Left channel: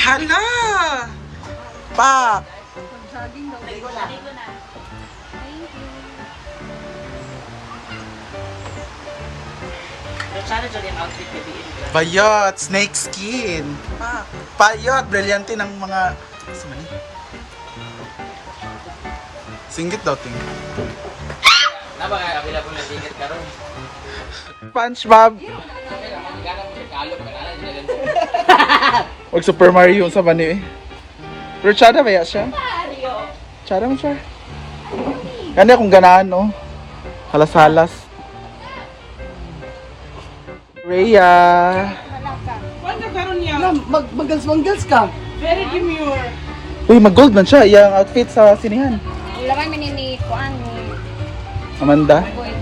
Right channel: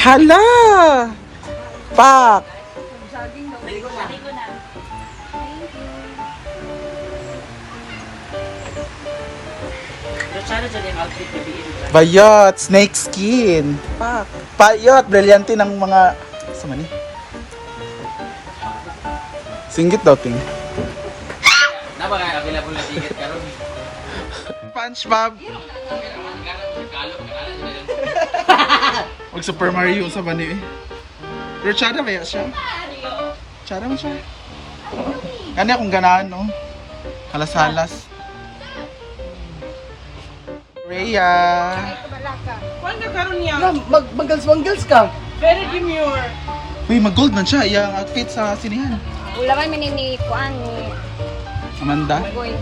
Hala! Pak! Jogging daw. Naligo na. Thank you. Pero sana dyan yung outfit na biin. Bayot! Snake skin! Pak! Payot! Brilyante ng mga... Saan man eh? Singgit daw, ting. Na ba nga available na ticket ka ron? SpongeBob! Kalog ka na. Huwag Super Mario sa bani eh. Pero tsada kaya siya? Tsada mo siya. Gani akong ganahan, no? Halas-halas. Rhea! Kuan ka karon niya. Mag-mangals ka. Very demure. Uy, mag-gold man siya. Iyang outfit sa sinihan. Wala man ni kuan ni Amanda. going.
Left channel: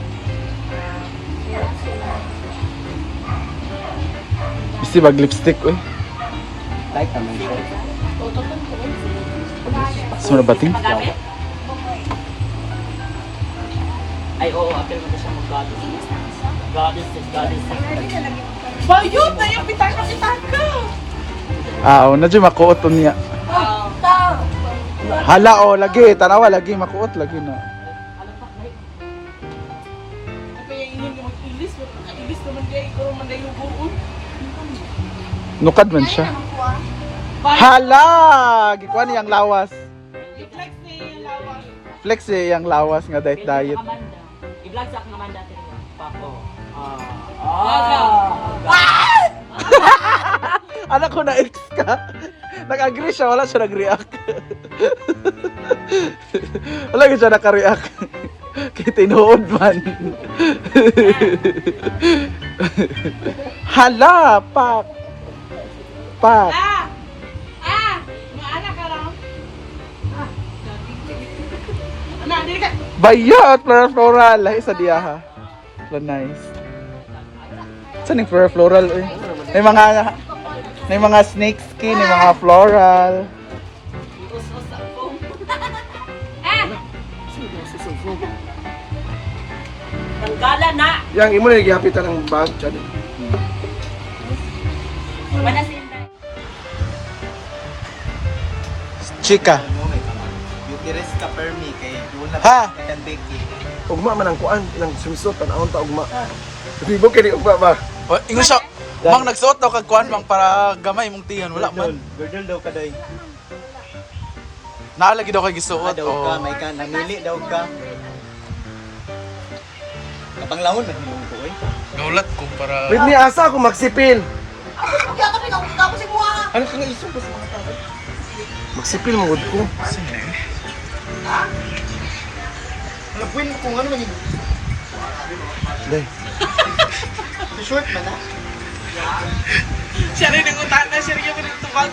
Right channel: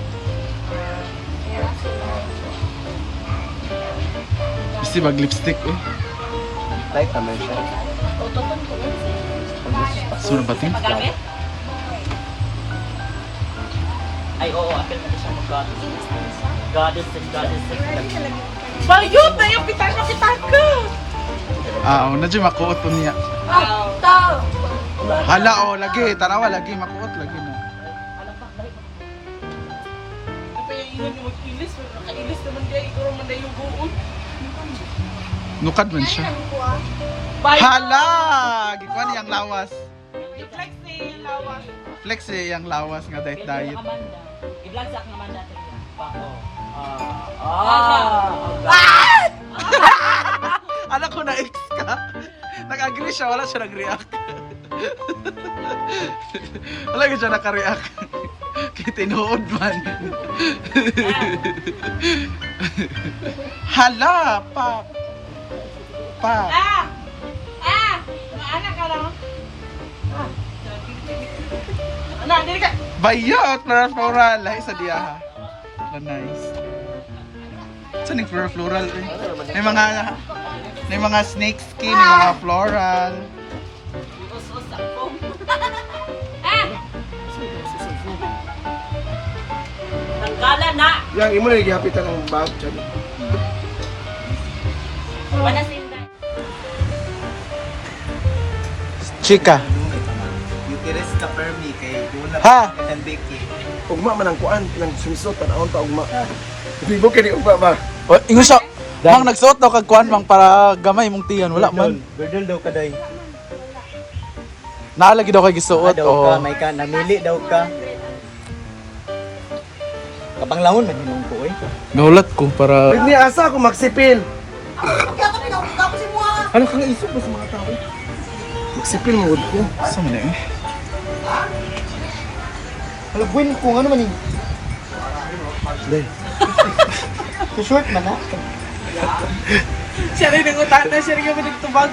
Bisi mag-lipstick, uy. Like naman siya. Sino ba ting? Magamit? Ay, oo. Apel mo siya mag-goddess. Goddess. Bayot na yung pitaka ka. Ah, na dyan makuot to niya. Hala, oh, lagi. Tanawa, lagi. Makuot, lagi na. Ako yung ingon yung mag-ilis. Nakailis naman kaya ikaw man na yung buod. Nukad man siya. Bayot. Hala! Gikuha niyang lawas. I-flex na yung lawas. Flex eh, yung lawas nga diet. Amanda. I-vlog sa Amanda. Papo. Anak ko na ex ka. Nag-agree siya, wala siya nag-react. Wala siya naka-react. Kaya tinuod man. Hala, pak. Pak. Maana ka lang. Anak, dili ka. Bayot, floral. Ay, sa diyaha. So nice. Saan yung floral eh? May mga snake skin, may mga floral. Tanggalan na! Yang imo na gihapitan ng bag dyan. Wala sinday. Chika. Beauty rest ka per me kay Dula Ha? kan Becky. Ugma man ang kuan, ng swimsuit, tanawon ta ugma. Hindi mo kini ugma ba? O, ingon siya. Mang nagsuot daw kag kuan mang para gamay mong tiyan. Wala man. Girdle daw ka day. Naalagi daw kay gisuot. Daw ka Oh. may ka namili daw ka. Kapanglangon na din ko oy. Nulat ko para... Pwede asa ako magsipil. Hala ka nga isip ba sa mga tao? Magsipil mo ud ko. Saan na eh? Hala buwin ko ano man yun. Day. Sa short man ha? Siya rin ang utak na siya rin yung tubag.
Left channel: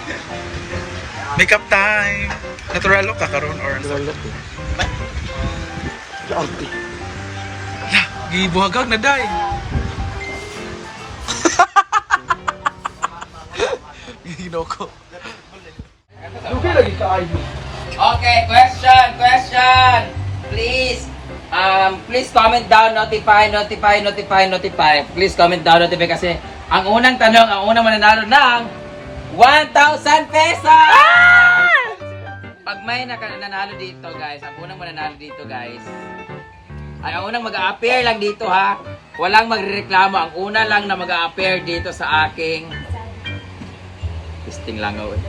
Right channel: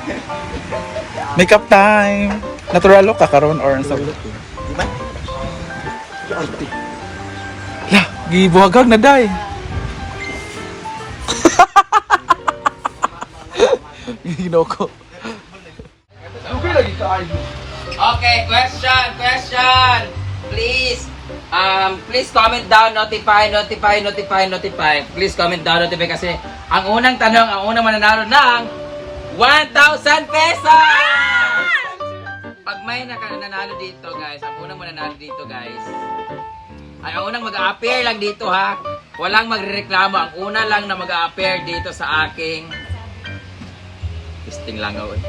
Makeup time. Natural look ka karon or sa look? Arte. Lah, gibuhagag na day. Ginoko. Dugi lagi ka ay. Okay, question. Please comment down, notify. Please comment down, notify kasi ang unang tanong, ang unang mananalo ng 1,000 pesos! Pag may nanalo dito, guys, ang unang mananalo dito, guys, ay ang unang mag-a-appear lang dito, ha? Walang magrereklamo. Ang una lang na mag-a-appear dito sa aking listing langaw, eh.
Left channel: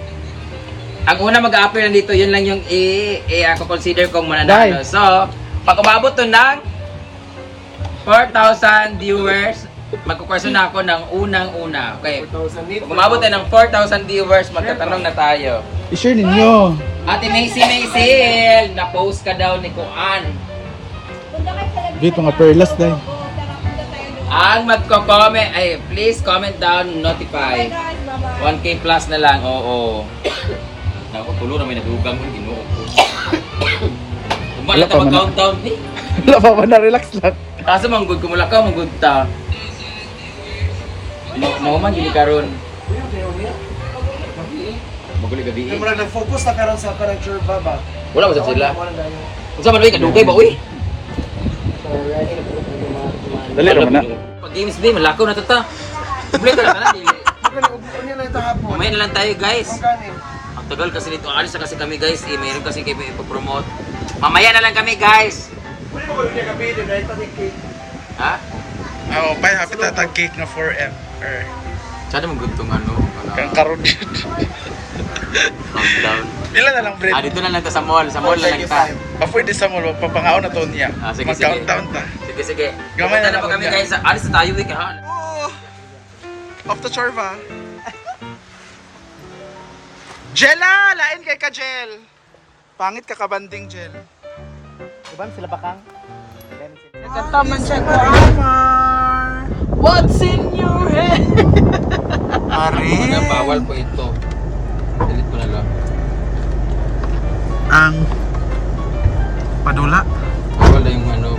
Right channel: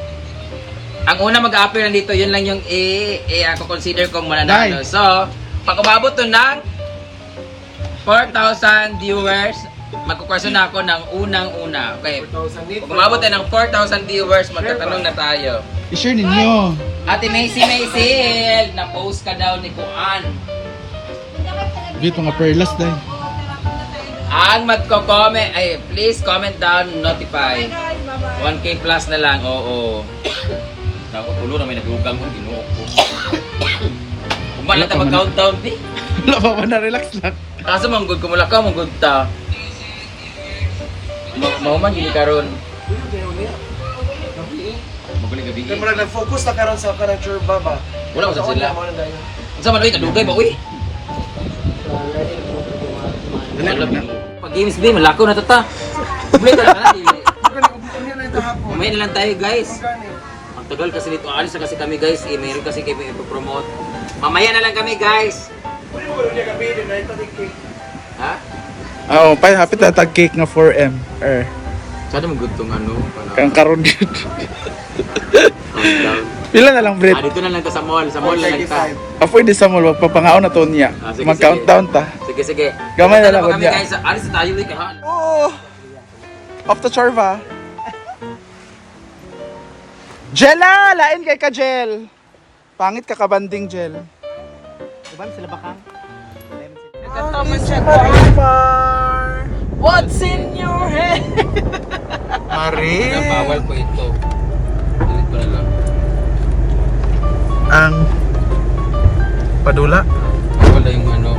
Ang una mag-a-appear lang dito, yun lang yung ako consider kong mananalo. Dai. So, pag umabot to ng 4,000 viewers, magkukurso na ako ng unang-una. Okay. 4,000 nito. Pag umabot tayo ng 4,000 viewers, magtatanong na tayo. I-share ninyo. Ate Macy, na-post ka daw ni Kuan. Bit mga perlas day. Ang magko-comment, ay please comment down, notify. 1K plus na lang, oo. Naku, tulo na may nagugang mo, ginuo ko. Kumala Wala ta pa man. mag-countdown, eh. Wala pa man na relax lang. Kaso manggod ko mula ka, manggod ta. Mauman gini karon. Maguli gabi. Kaya parang nag-focus na karon sa kanang churba ba? Wala ko sa sila. Unsa man ba kadugay ba uy? Dali ra man na. Pag games day malakaw na to ta. Complete na dili. Mamaya na lang tayo guys. Ang tagal kasi dito. Alis na kasi kami guys. Mayroon kasi kami ipopromote. Mamaya na lang kami guys. Ha? Oo, pa hapit na tag cake nga 4M. Sana mo gutong ano? Kang karon yun. Countdown. Pila na lang, Brett? Dito na lang ta sa mall. Sa mall na lang ta. Pwede sa mall, magpapangaon na to niya. Sige, Mag-countdown ta. Sige, sige. Gamay na lang po kami niya. guys. Alis na tayo week ha. Oh! Off the Charva. Jella! Lain kay ka, Jel. Pangit ka kabanding, Jel. Diba sila bakang? Tama siya ko. What's in your head? Mari. Bawal po ito. Delete ko na lang. Ang padula. Wala yung ano,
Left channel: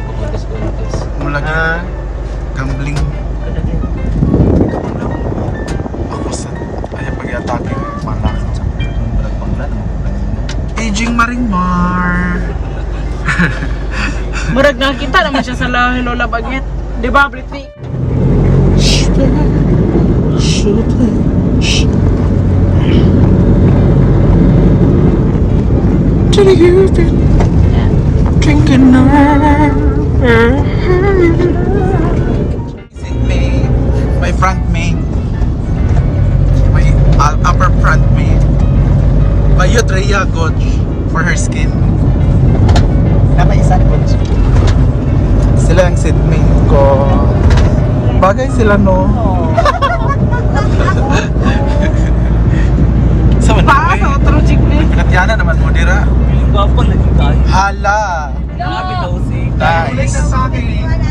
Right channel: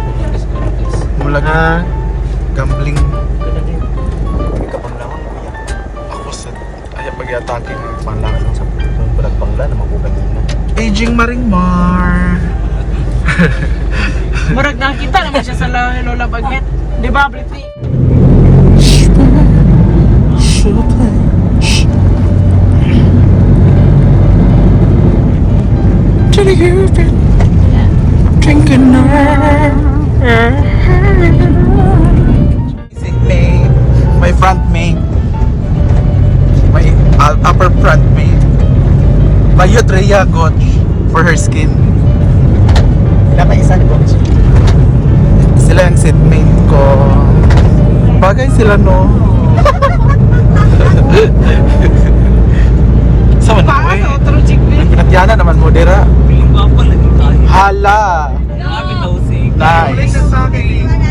contest. Mula nga. Gambling. Ako sa... Ayaw pag-i-atake ng malakaw. Aging Maringmar. Murag nakita naman siya sa lahi Lola Bagnet. Di ba, Britney? My front main. My upper front main. Bayot Rhea God for her skin. Nakaisan ko. Sila yung seat mate ko. Bagay sila no. Sama na Paano? eh. True chick niya. Pinatyana naman mo dira. Piling ko ako naging tayo. Hala. Lagi na usig. Nice.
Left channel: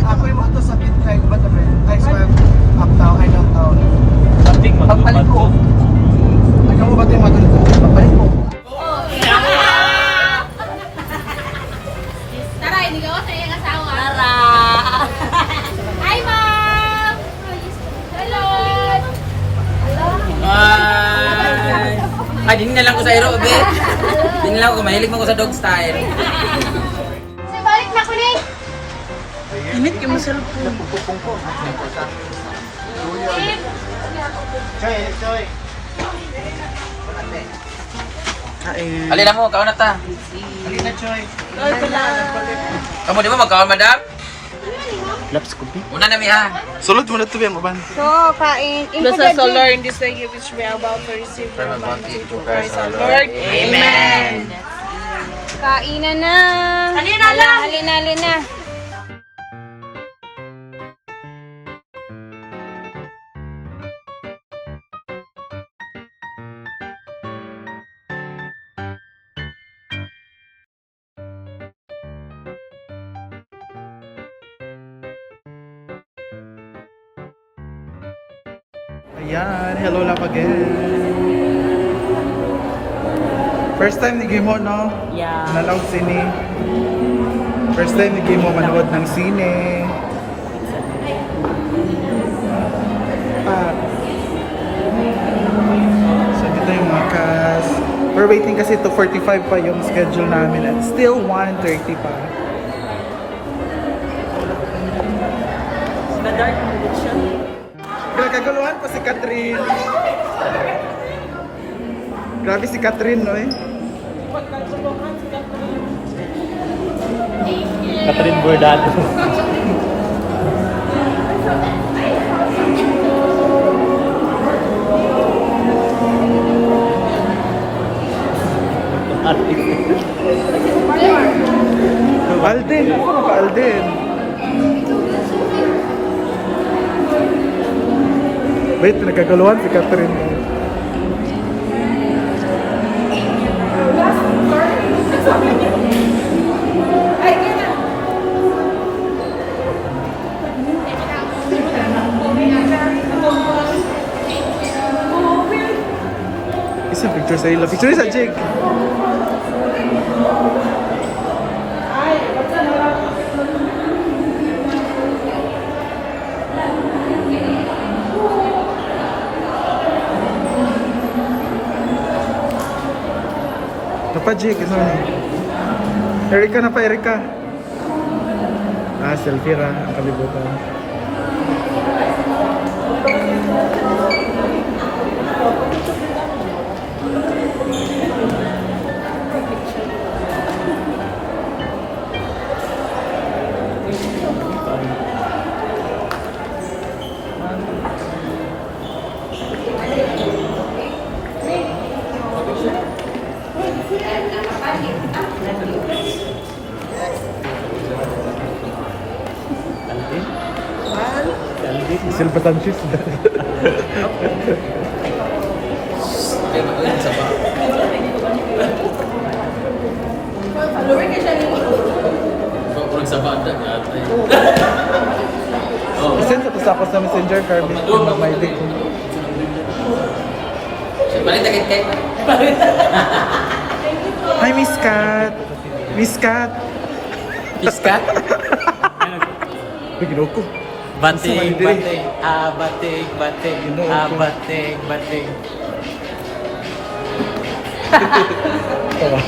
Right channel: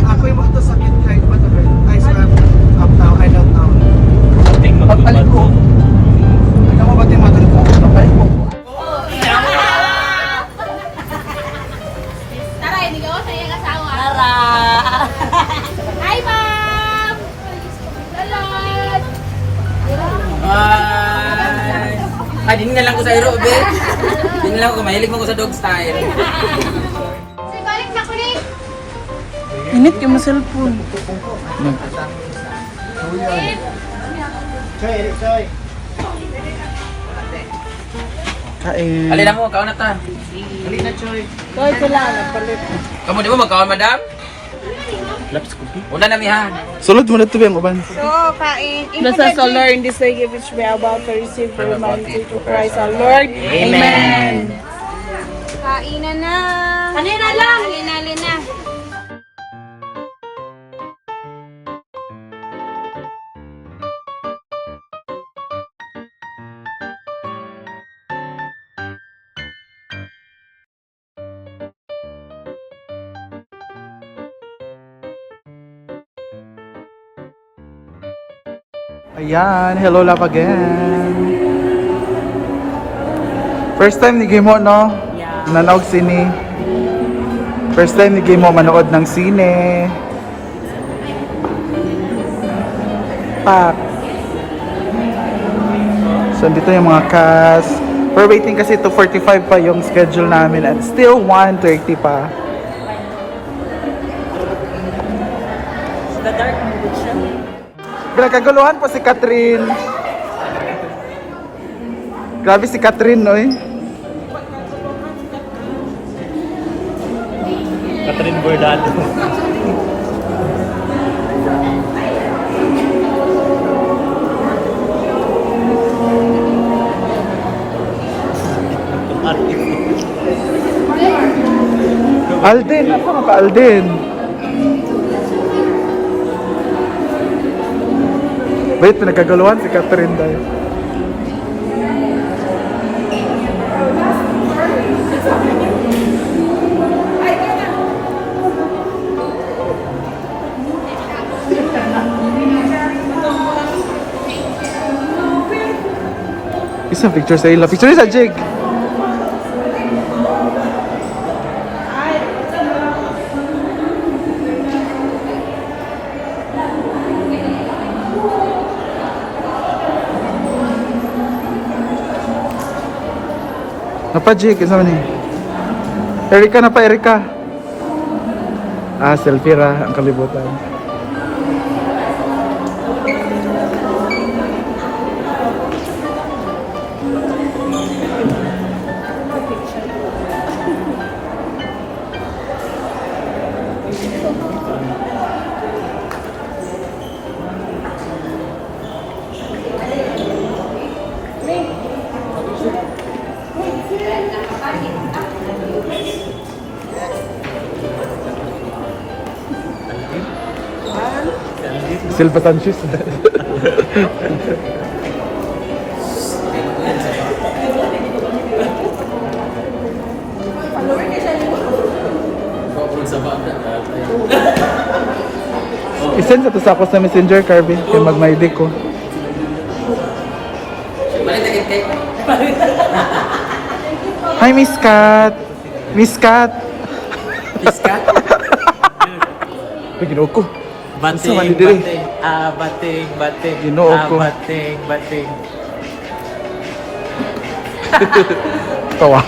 Ako yung mga sa midnight, but guys, uptown, I don't know. Something Papalit ko. Ikaw mo ba ito yung mother ko? Papalit ko. Tara, hindi ka ako sa iyong asawa. Tara! Hi, ma'am! Hello! Ay, din na lang ko sa aero, be. Din na lang ko. Mahilig mo ko sa dog style. Say, balik na ko na eh. Init ka mo cellphone. Choy. Kain. Alin ako, kaon na ta. Halina, Choy. Kamu di ba magkaon, madam? Laps ko pi. Una na mi ha. Sulod mo na ito yung uban. So, kain. Nasa sa Lord, in this day, give us we are about to receive the reminder to Christ our Lord. Amen. Kainan na. Halina lang. Halina. Ayan, hello love again. First time ni Gimo, no? Yeah. Nanaog sini. First time ni Gimo manood ng sine. Pak. So, dito yung mga cast. We're waiting kasi to 45 pa yung schedule namin and still 1:30 pa. Kaguluhan po si Catherine. Grabe si Catherine, no? Catherine Bordado. Alden, ako ka Alden. Wait, pinagkaguluhan si Catherine dahil. Isang picture sa ila. Picture sa Jig. Napa Jig, isa ni. Erika na pa, Erika. Ah, selfie ra ang kalibutan. Silva Sanchez. Isend sa sa ako sa messenger, Carvin, kung mag-my ko. Balik na kay Hi, Miss Kat! Miss Kat! Iska. Ginoo ko. Bating, Asa man diri? bating, bating, bating, Ginoo ko. bating, bating. Tawa.